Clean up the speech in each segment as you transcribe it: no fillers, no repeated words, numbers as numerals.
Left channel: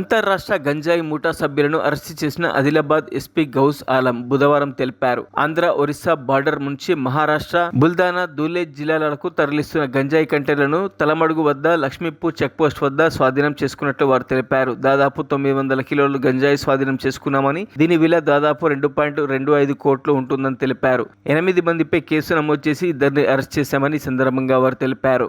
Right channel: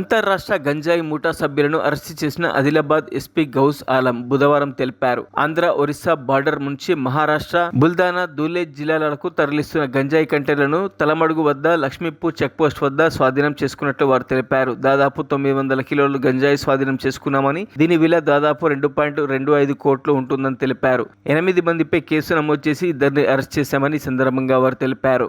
అంతర్రాష్ట్ర గంజాయి ముఠా సభ్యులను అరెస్టు చేసిన ఆదిలాబాద్ ఎస్పీ గౌస్ ఆలం బుధవారం తెలిపారు. ఆంధ్ర, ఒరిస్సా బార్డర్ నుంచి మహారాష్ట్ర, బుల్దానా, ధూలే జిల్లాలకు తరలిస్తున్న గంజాయి కంటైనర్లను తలమడుగు వద్ద లక్ష్మీపూర్ చెక్పోస్ట్ వద్ద స్వాధీనం చేసుకున్నట్లు వారు తెలిపారు. దాదాపు 900 కిలోలు గంజాయి స్వాధీనం చేసుకున్నామని, దీని విలువ దాదాపు 2.25 కోట్లు ఉంటుందని తెలిపారు. 8 మందిపై కేసు నమోదు చేసి 2 అరెస్ట్ చేశామని ఈ సందర్భంగా వారు తెలిపారు.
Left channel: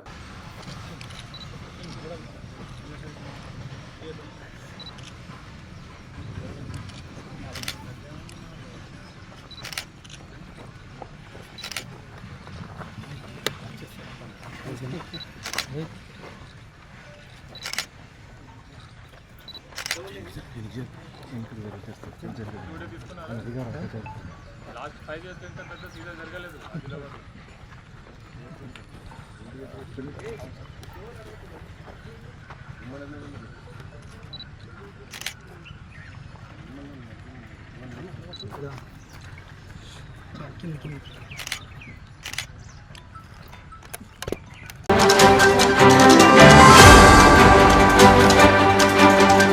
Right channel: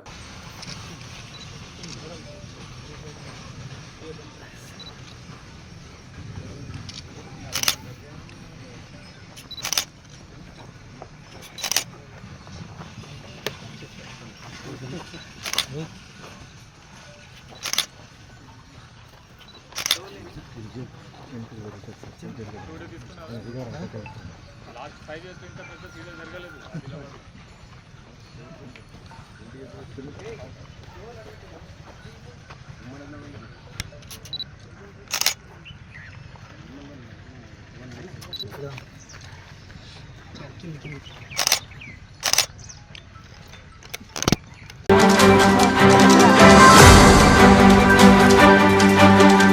లాస్ట్ 5 years ఇంత పెద్ద సీజన్ జరగలేదు ఆదిలాబాద్. కింది